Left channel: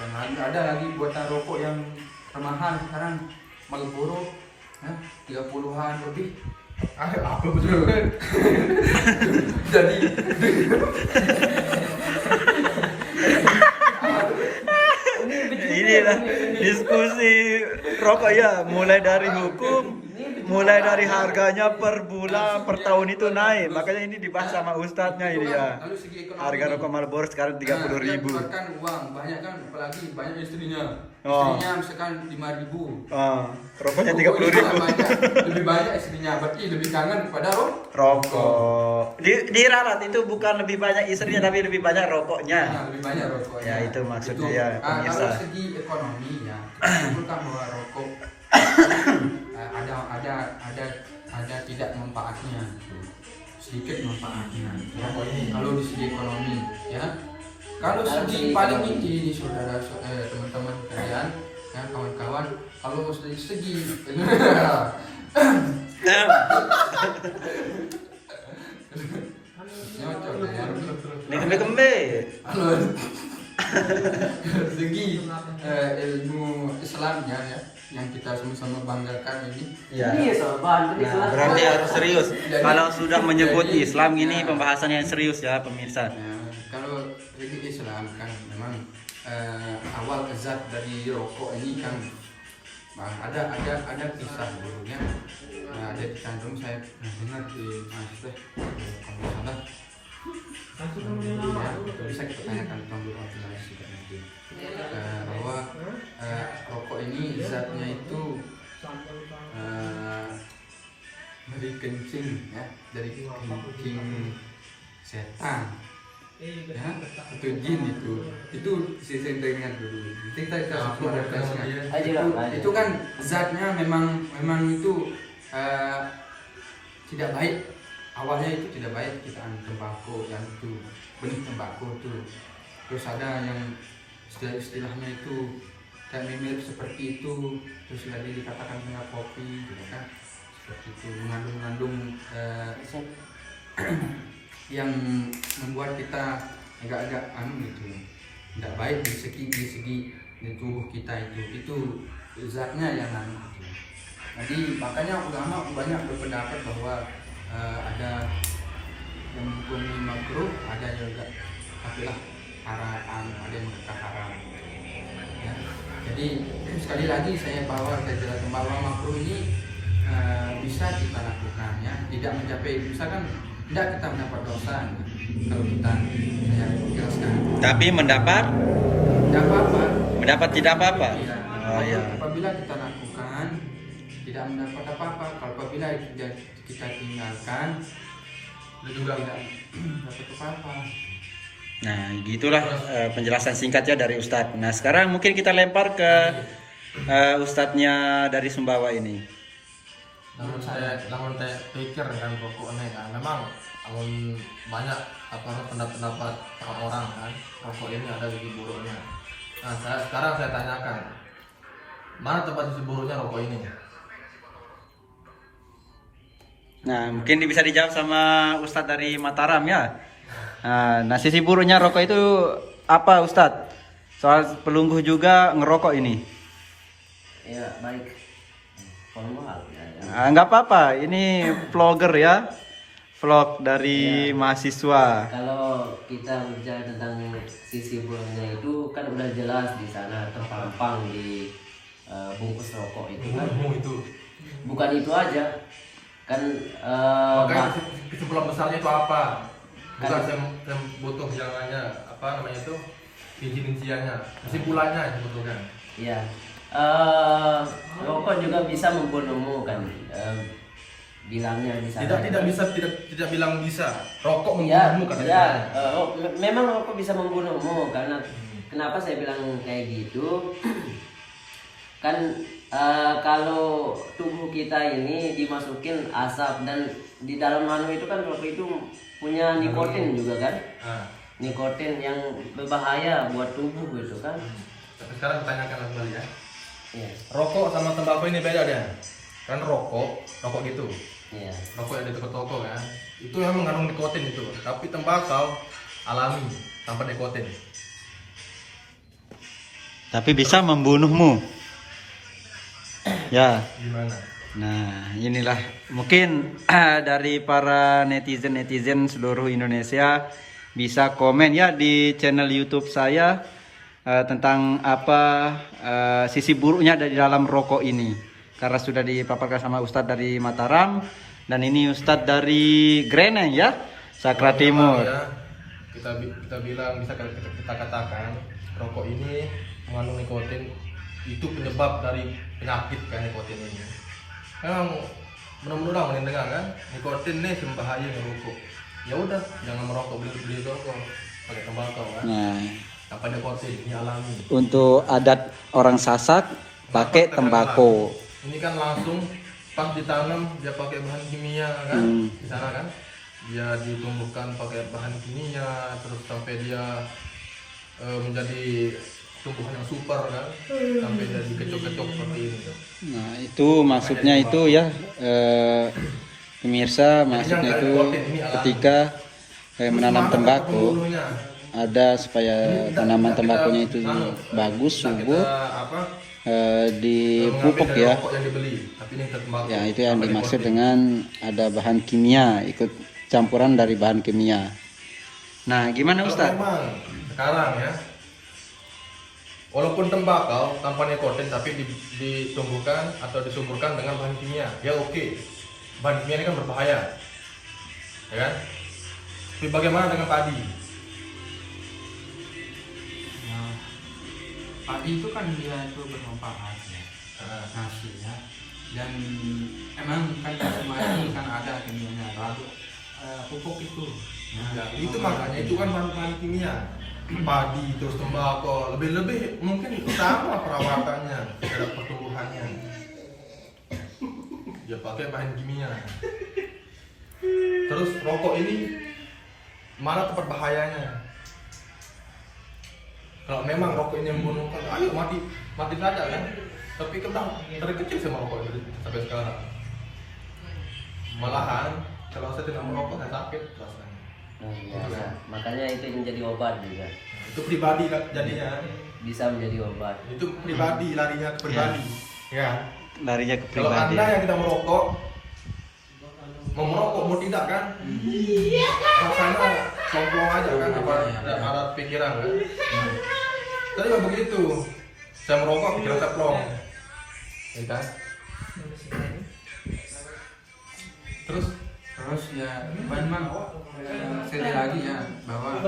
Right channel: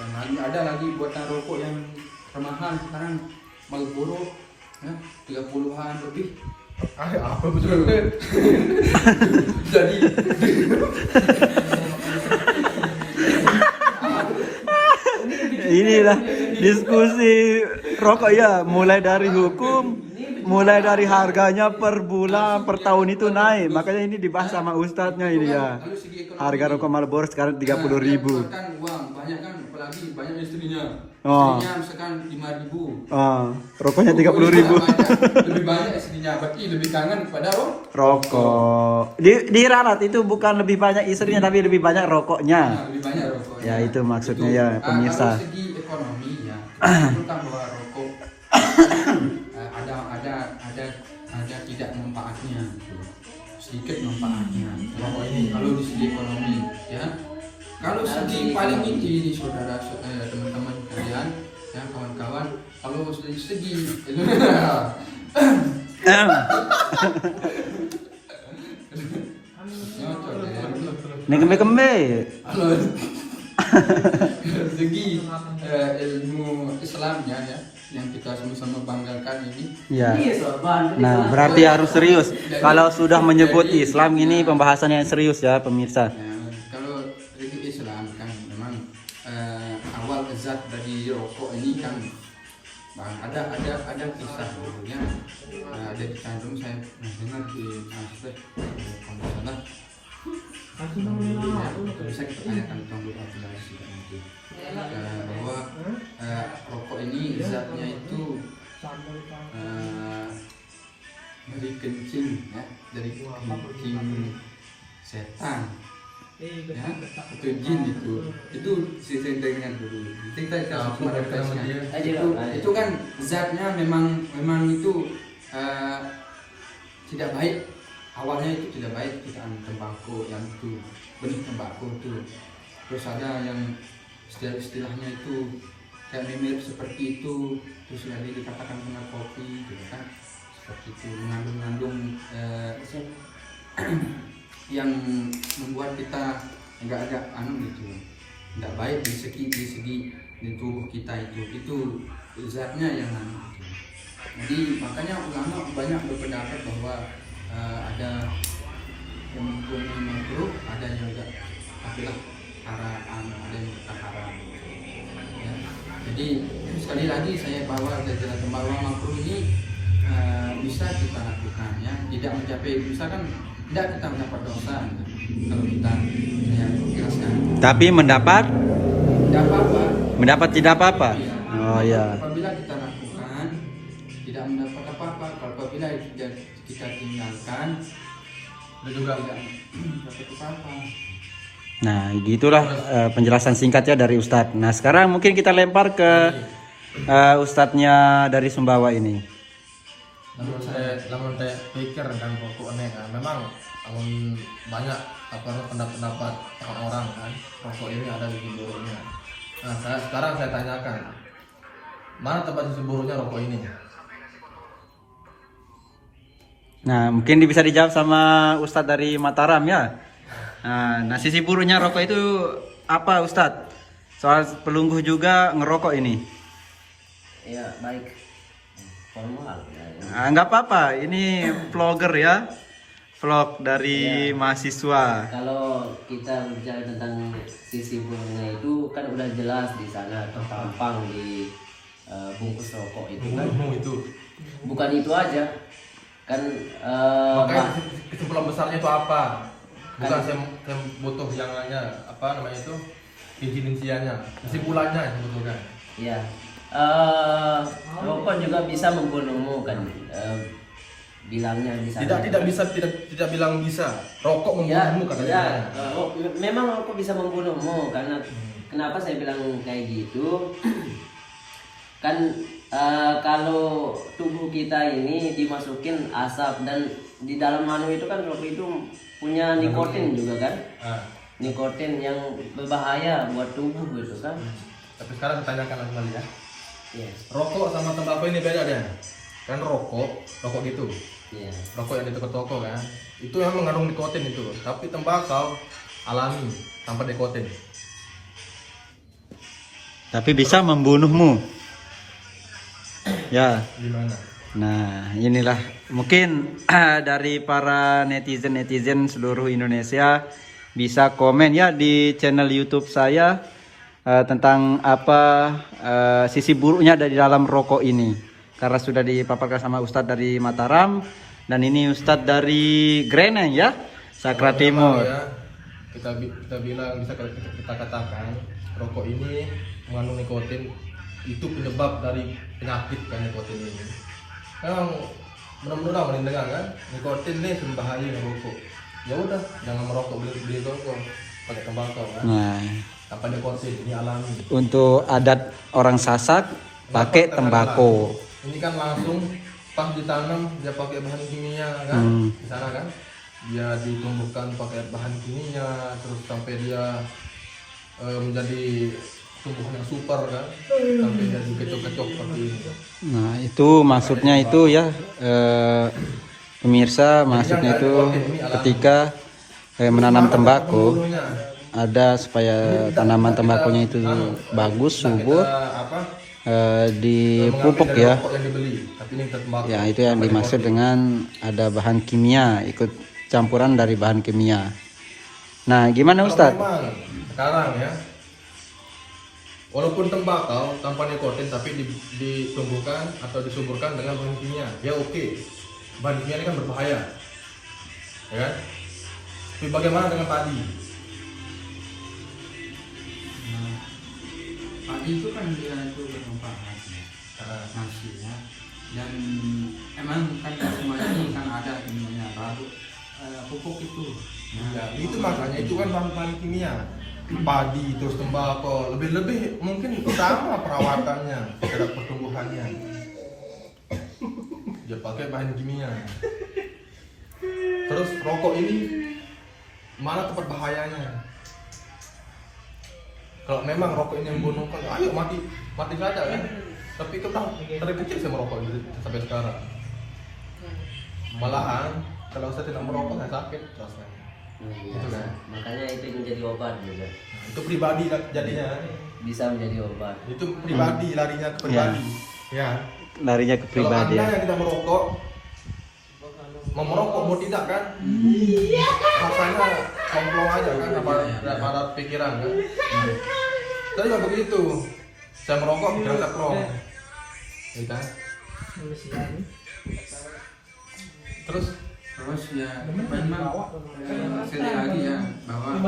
Dan lagi ada lagi buatan rokok yang termahal sekarang, Marlboro, 30-an lebih. Apa betul? Jadi inilah diskusi rokok ya, mulai dari hukum, mulai dari harganya per bulan, per tahun itu naik. Makanya ini dibahas sama ustadznya ini ya. lalu segi ekonomi, Harga rokok Marlboro sekarang 30.000. dia keluarkan uang banyak kan, apalagi banyak istrinya. Oh. Istrinya misalkan 5.000. Rokoknya 30.000. Lebih banyak istrinya, berarti lebih kangen pada Rokok. Di ralat itu bukan lebih banyak istrinya, tapi lebih banyak rokoknya. Nah, lebih banyak rokoknya. Ya, itu maksudnya ya, pemirsa. Kalau segi ekonomi ya, kita bahwa rokok ada tidak manfaatnya, gitu. Sedikit manfaatnya. Ya. Kalau di segi ekonomi, ya. Kalau segi paling inti, saudara, teman-teman kalian, ya kawan-kawan, kalau segi nyocok ya. Kembe. Kalau segi ilmu Islamnya ya, yang kita sama-sama banggakan ini. Ya. Nah, berarti harus serius. Kalau sudah menyebut Islam ini pembahasan yang serius ya, pemirsa. Ya, kalau segi Islam kan memang awal zat dari rokok ini kan, bang, ada kisah dulu yang ada dikandung, saya dengar di Masjid kalau salah yang dulu ya, itu bisa kita tanyakan ke Guru Abdullah juga nanti, bahwa rokok ini zatnya itu dari kencing ya, dari kencing setan ya, itu jin itu saya dengar dulu. Nanti kita sama referensinya itu kan zatnya memang itu tidak baik. Awalnya itu tidak baik, kita tembakau yang itu benih tembakau itu. Terus ada yang istilahnya itu kayak mirip seperti itu, terus ada dikatakan kena kopi gitu kan, seperti itu, mengandung yang membuat kita agak-agak gitu, tidak baik di segi di tubuh kita itu zatnya yang gitu. Jadi makanya ulama banyak berpendapat bahwa ada yang menghukumi makruh, ada juga kafilah haram, ada yang berkata haram ya. Jadi sekali lagi saya jelaskan bahwa makruh ini bisa kita lakukan ya, tidak mencapai, misalkan tidak kita mendapat dosa kalau kita, saya jelaskan, tapi mendapat tidak apa-apa ya. Oh ya. Apabila kita lakukan tidak mendapat apa-apa, apabila kita tinggalkan juga tidak dapat apa-apa. Nah, gitulah penjelasan singkatnya dari Ustadz. Nah, sekarang mungkin kita lempar ke Ustadznya dari Sumbawa ini. Namun saya pikir kan rokok ini kan memang banyak pendapat orang kan, rokok ini ada sisi buruknya. Nah, sekarang saya tanyakan, mana tempat sisi buruknya rokok ini? Nah, mungkin bisa dijawab sama Ustadz dari Mataram ya. Nah, sisi buruknya rokok itu apa, Ustadz? Soal pelungguh juga ngerokok ini. Ya, baik. Formal ya. Nggak apa-apa, ini vlogger ya. Vlog dari mahasiswa. Kalau kita bicara tentang sisi buruknya itu kan udah jelas di sana terpampang di bungkus rokok itu kan. Bukan itu aja. Kan makanya kesimpulan besarnya itu apa? Bukan Kan- saya butuh yang apa namanya itu rinciannya, kesimpulannya sebetulnya. ya rokok juga bisa membunuhmu kan, bilangnya di sana. Tidak bilang bisa. Rokok membunuhmu katanya. Memang rokok bisa membunuhmu karena kenapa saya bilang kayak gitu? Kan kalau tubuh kita ini dimasukin asap dan di dalam manu itu kan rokok itu punya nikotin juga kan, nikotin yang berbahaya buat tubuh gitu kan. Tapi sekarang ditanyakan kembali ya. Iya. Rokok sama tembakau ini beda deh. Kan rokok gitu. Iya. Rokok yang di toko-toko kan, itu memang mengandung nikotin itu. Tapi tembakau alami tanpa nikotin. tapi bisa membunuhmu. Ya. Gimana? Nah, inilah mungkin dari para netizen seluruh Indonesia bisa komen ya di channel YouTube saya tentang apa sisi buruknya dari dalam rokok ini. Karena sudah dipaparkan sama Ustadz dari Mataram dan ini Ustadz dari Greneng ya, Sakra Timur. Ya, kita bilang bisa kita katakan rokok ini mengandung nikotin, itu penyebab dari penyakit kan nikotin ini. Memang benar-benar mendengar kan nikotin ini berbahaya ngerokok. Ya udah, jangan merokok, beli rokok pakai tembakau kan. Nah, Tanpa nikotin, ini alami. untuk adat orang Sasak Kenapa pakai kita tembakau. bilang? Ini kan langsung pas ditanam dia pakai bahan kimia kan, di sana kan. Dia ditumbuhkan pakai bahan kimia, terus sampai dia menjadi tumbuhan yang super kan, sampai jadi kecok-kecok seperti ini. Nah, itu maksudnya itu ya pemirsa, maksudnya itu ketika menanam tembakau Pembunuhnya. ada supaya tanaman tembakunya itu bagus, Nah, subur, dipupuk mengambil dari ya. rokok yang dibeli, tapi ini tembakau. Ya, itu yang Tanpa dimaksud nikotin. dengan ada bahan kimia, ikut campuran dari bahan kimia. Nah, gimana Kalau Ustadz? memang sekarang ya, walaupun tembakau tanpa nikotin tapi ditumbuhkan atau disuburkan dengan bahan kimia, ya oke. Bahan kimia ini kan berbahaya, ya kan? Tapi bagaimana dengan padi? Nah, padi itu kan dia itu bermanfaat ya, nasi ya. Dan emang kan semua ini kan ada kimianya, pupuk itu. Ya, itu makanya itu kan bahan kimia. Padi terus tembakau, lebih mungkin utama perawatannya terhadap pertumbuhannya. Dia pakai bahan kimia. Terus rokok ini mana tempat bahayanya? Kalau memang rokok ini membunuhkan, ayo mati saja ya. Tapi kita dari kecil saya merokok sampai sekarang. Malahan kalau saya tidak merokok saya sakit rasanya. Iya, makanya itu menjadi obat juga. Itu pribadi kan jadinya. Bisa menjadi obat. Itu pribadi, larinya ke pribadi. Ya. Larinya ke Kalau pribadi. Anda yang tidak merokok, mau merokok mau tidak kan? Rasanya plong-plong aja kan, ada pikiran kan? Tapi nggak begitu. Saya merokok pikiran saya plong, ya kan? Terus ya memang sekali lagi ya bahwa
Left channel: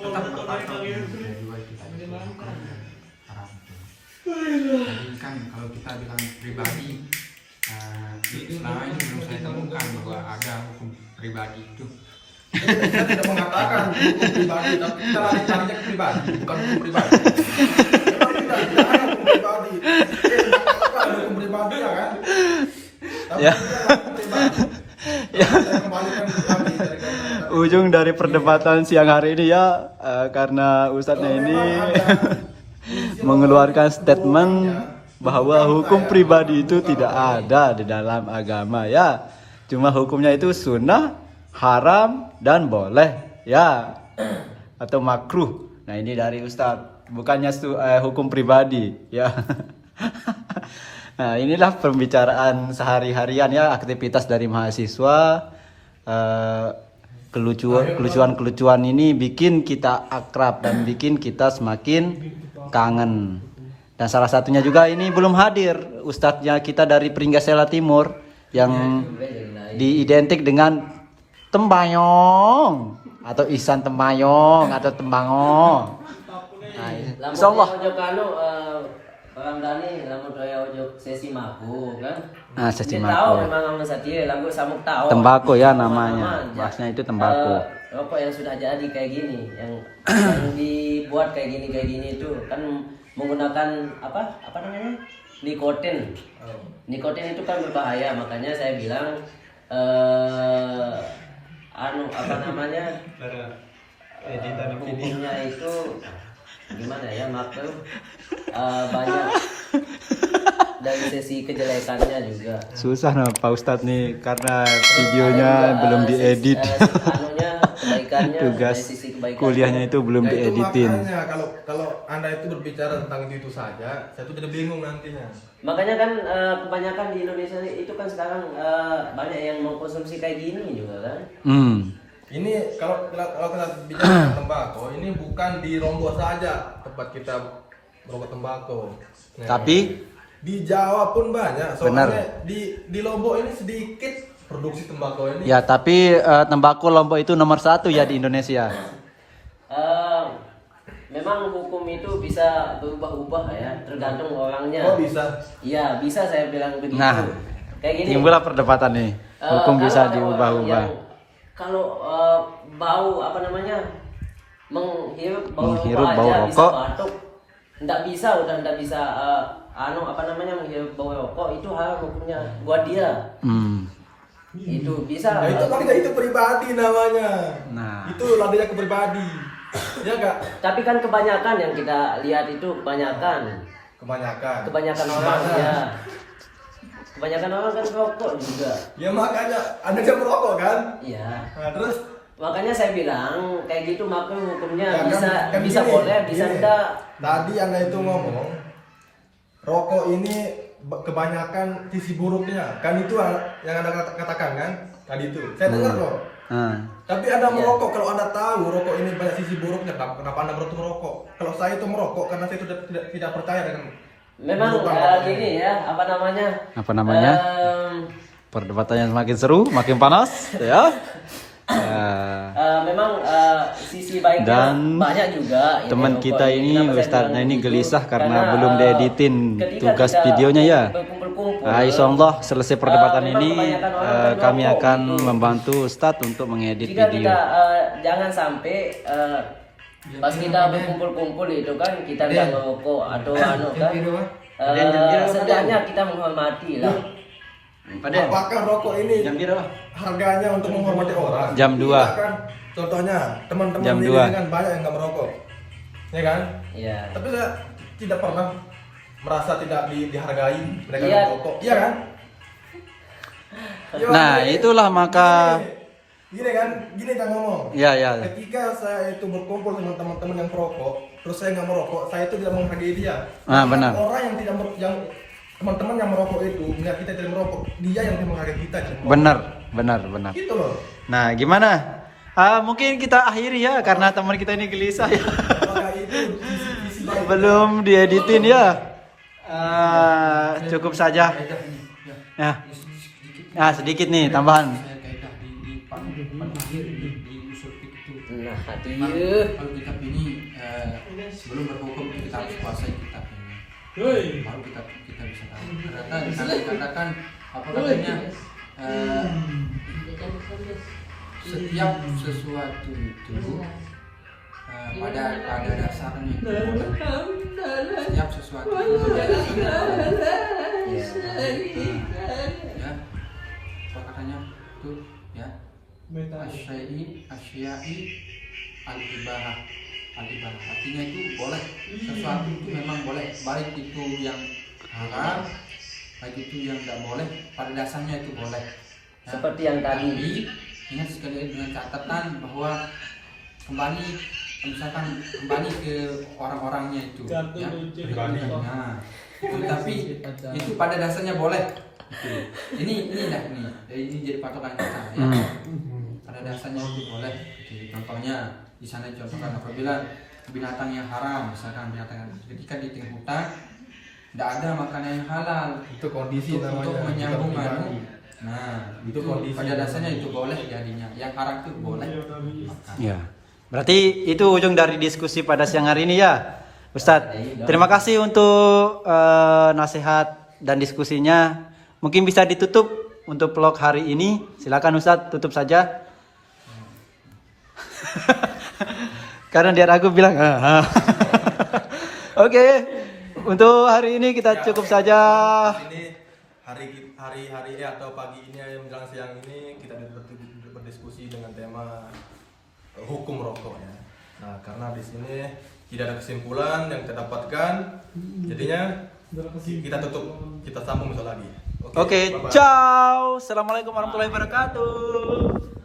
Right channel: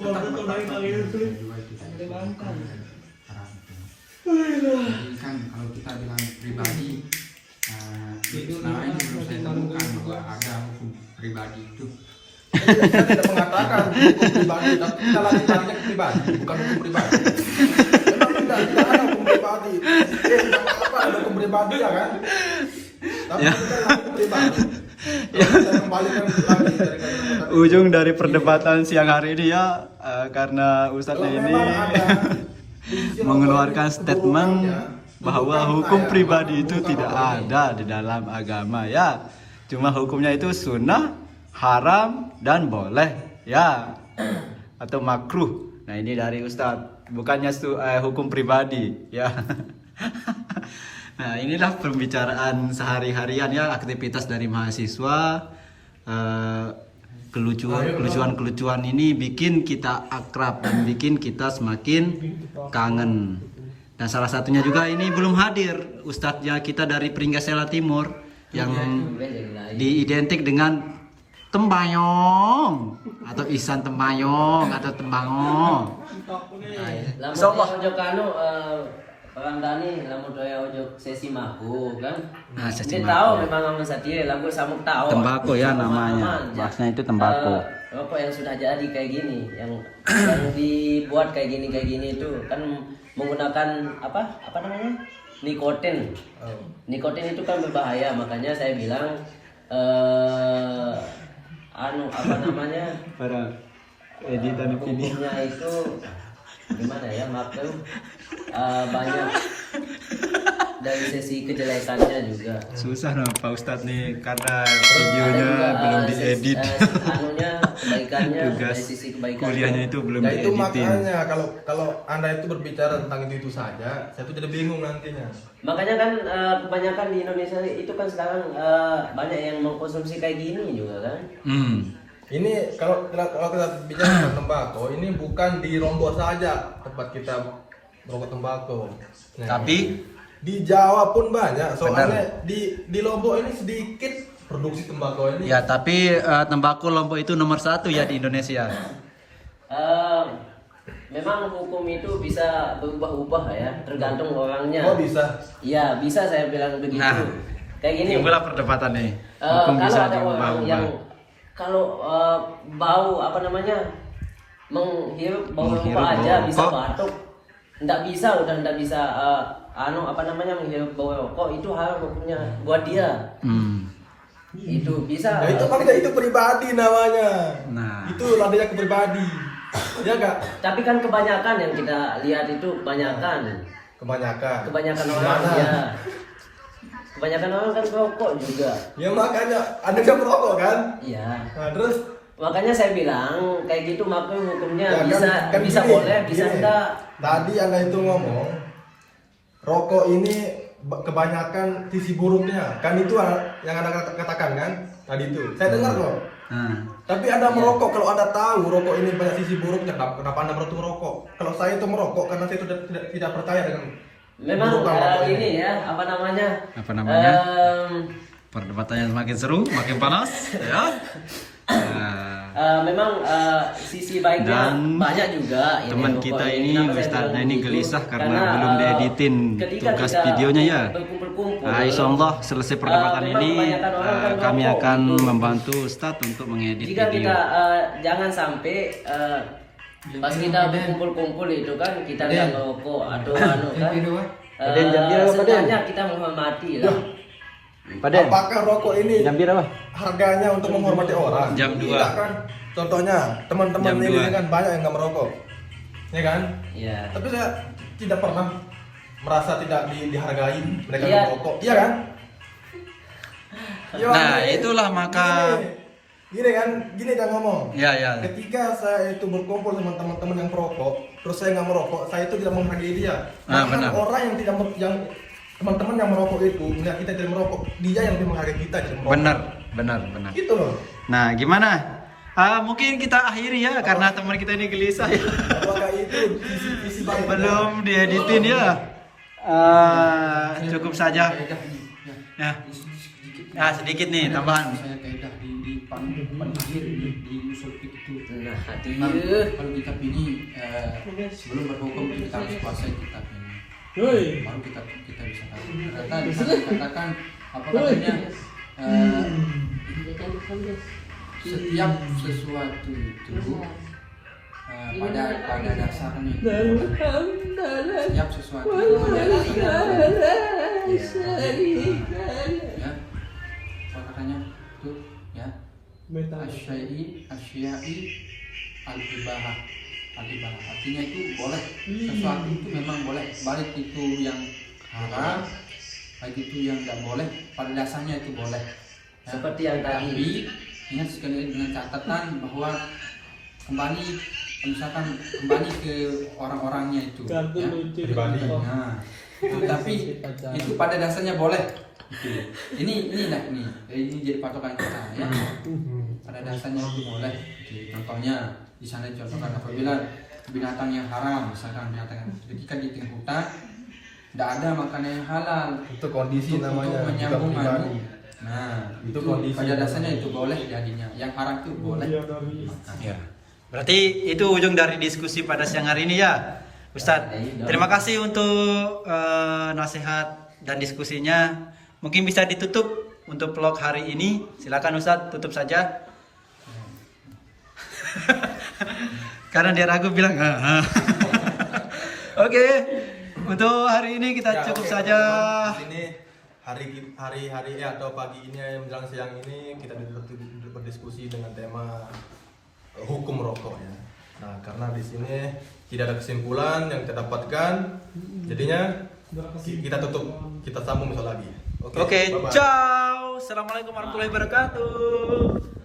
tetap berpatok ya dua kita itu nongkrong dan haram itu. Jadi kan kalau kita bilang pribadi, selama ini belum saya temukan bahwa ada hukum pribadi itu. kita tidak mengatakan hukum pribadi, tapi kita lagi tanya pribadi, bukan hukum pribadi. Memang tidak ada hukum pribadi. Ada hukum pribadi ya kan? Tapi Ya. kita hukum pribadi. Saya kembalikan lagi dari kata-kata. Ujung dari perdebatan siang hari ini ya, karena Ustadznya ini mengeluarkan statement bahwa hukum pribadi itu tidak ada di dalam agama ya. Cuma hukumnya itu sunnah, haram, dan boleh ya, atau makruh. Nah, ini dari Ustadz, bukannya hukum pribadi ya. Nah, inilah pembicaraan sehari-harian ya, aktivitas dari mahasiswa. Kelucuan ini bikin kita akrab dan bikin kita semakin kangen. Dan salah satunya juga ini belum hadir ustadznya kita dari Pringgasela Timur yang diidentik dengan Tembayong atau Ihsan Tembayong atau Tembangong. Nah, insyaallah. Orang Dani lamun kaya ojo sesi maku kan. Nah, sesi Dia maku. tahu memang orang satie lagu samuk tahu. Tembakau ya namanya. Bahasanya itu tembakau. Rokok yang sudah jadi kayak gini, yang dibuat kayak gini itu kan menggunakan apa namanya? Nikotin. Nikotin itu kan berbahaya, makanya saya bilang apa namanya? Editan Hukumnya itu gimana ya, maklum banyak dari sisi kejelekannya juga. Susah nah Pak Ustadz nih karena videonya belum diedit. Anunya kebaikan kebaikannya, Tugas dari sisi kebaikan. kuliahnya itu belum Ya itu dieditin. makanya kalau anda itu berbicara tentang itu saja, saya tuh jadi bingung nantinya. Makanya kan kebanyakan di Indonesia itu kan sekarang banyak yang mengkonsumsi kayak gini juga kan. Ini kalau kita bicara tentang tembakau, ini bukan di Lombok saja tempat kita merokok tembakau. Nah, Tapi di Jawa pun banyak. Soalnya Benar. di Lombok ini sedikit produksi tembakau ini. ya tapi tembakau Lombok itu nomor 1 ya di Indonesia. Memang hukum itu bisa berubah-ubah ya, tergantung orangnya. Oh bisa. Iya, bisa saya bilang begitu. Nah, kayak gini. timbullah perdebatan nih. Hukum Kalau bisa ada orang diubah-ubah. yang kalau bau apa namanya menghirup bau Menghirup rokok bau aja bisa rokok. batuk, nggak bisa apa namanya menghirup bau rokok, itu haram hukumnya buat dia. Itu bisa. Nah, itu makanya itu pribadi namanya. Nah. Itu ladanya ke pribadi. Ya enggak? Tapi kan kebanyakan yang kita lihat itu kebanyakan Kebanyakan orang ya. Kebanyakan orang kan rokok juga. Ya makanya Anda jangan merokok kan? Iya. Nah, terus Makanya saya bilang kayak gitu maka hukumnya ya, bisa gini, boleh, bisa gini. enggak. Tadi Anda itu ngomong rokok ini kebanyakan sisi buruknya. Kan itu yang Anda katakan kan? Tadi itu. Saya dengar kok. Tapi Anda merokok, kalau Anda tahu rokok ini banyak sisi buruknya, kenapa Anda berhenti merokok? Kalau saya itu merokok karena saya sudah tidak percaya dengan Memang keburukan rokok ini ya apa namanya? Perdebatannya semakin seru, makin panas, ya. Memang sisi baiknya Dan banyak juga. teman rokok kita ini, Kenapa saya Ustadznya bilang ini begitu? gelisah karena Karena, belum dieditin ketika tugas kita videonya ya. berkumpul-kumpul, Insyaallah selesai perdebatan memang ini kebanyakan orang kan kami rokok akan gitu. membantu Ustadz untuk mengedit kita video. jangan sampai pas kita berkumpul-kumpul itu kan kita nggak ngerokok atau anu kan. Setidaknya kita menghormati lah. apakah rokok ini Jam berapa? harganya untuk menghormati orang? Jam 2. Tidak kan? Contohnya teman-teman Jam ini 2. kan banyak yang nggak merokok, ya kan? Iya. Tapi saya tidak pernah merasa tidak dihargai mereka Iya. merokok, iya kan? Ya, Nah, gini- itulah maka gini kan ngomong. ya. Ketika saya itu berkumpul sama teman-teman yang perokok, terus saya nggak merokok, saya itu tidak menghargai dia. Nah, Bahkan benar. Orang yang tidak yang teman-teman yang merokok itu melihat kita tidak merokok, dia yang lebih menghargai kita tidak merokok. Benar. Gitu loh. Nah, gimana? Mungkin kita akhiri ya karena teman kita ini gelisah ya. Nah, itu visi baik. Belum dieditin ya. Cukup saja. Ya. Nah, sedikit nih tambahan. Saya kaidah di paling akhir di usul fikih itu. Nah, hati. Kalau kitab ini sebelum berhukum kita harus kuasai kitab ini. Baru kita bisa tahu. Ternyata di sana dikatakan apa katanya setiap sesuatu itu pada dasarnya boleh. Setiap sesuatu itu pada dasarnya boleh. Ya. Apa katanya tuh ya? Asyai al-ibahah. Al-ibahah artinya itu boleh, sesuatu itu memang boleh, baik itu yang haram, baik itu yang tidak boleh, pada dasarnya itu boleh. Ya. Seperti yang tadi. Tapi ingat sekali lagi dengan catatan bahwa misalkan kembali ke orang-orangnya itu, ya. Nah, itu, tapi itu pada dasarnya boleh. Gitu. Ini jadi patokan kita, ya. Pada dasarnya itu boleh. Jadi contohnya di sana dicontohkan apabila binatang yang haram, misalkan binatang ketika di tengah hutan tidak ada makanan yang halal Itu kondisi untuk namanya, menyambung kita pribadi. anu. Nah, Itu itu kondisi. pada dasarnya itu boleh jadinya. Yang haram itu boleh makan. Iya. Berarti itu ujung dari diskusi pada siang hari ini ya, Ustadz. Terima kasih untuk nasihat dan diskusinya. Mungkin bisa ditutup untuk vlog hari ini. Silakan Ustadz, tutup saja. Karena dia ragu bilang. Oke, untuk hari ini kita cukup saja. Di sini hari atau pagi ini menjelang siang ini kita berdiskusi dengan tema hukum rokok ya. Nah, karena di sini tidak ada kesimpulan yang kita dapatkan, jadinya kita tutup, kita sambung besok lagi. Oke, bye-bye. ciao. Assalamualaikum warahmatullahi wabarakatuh.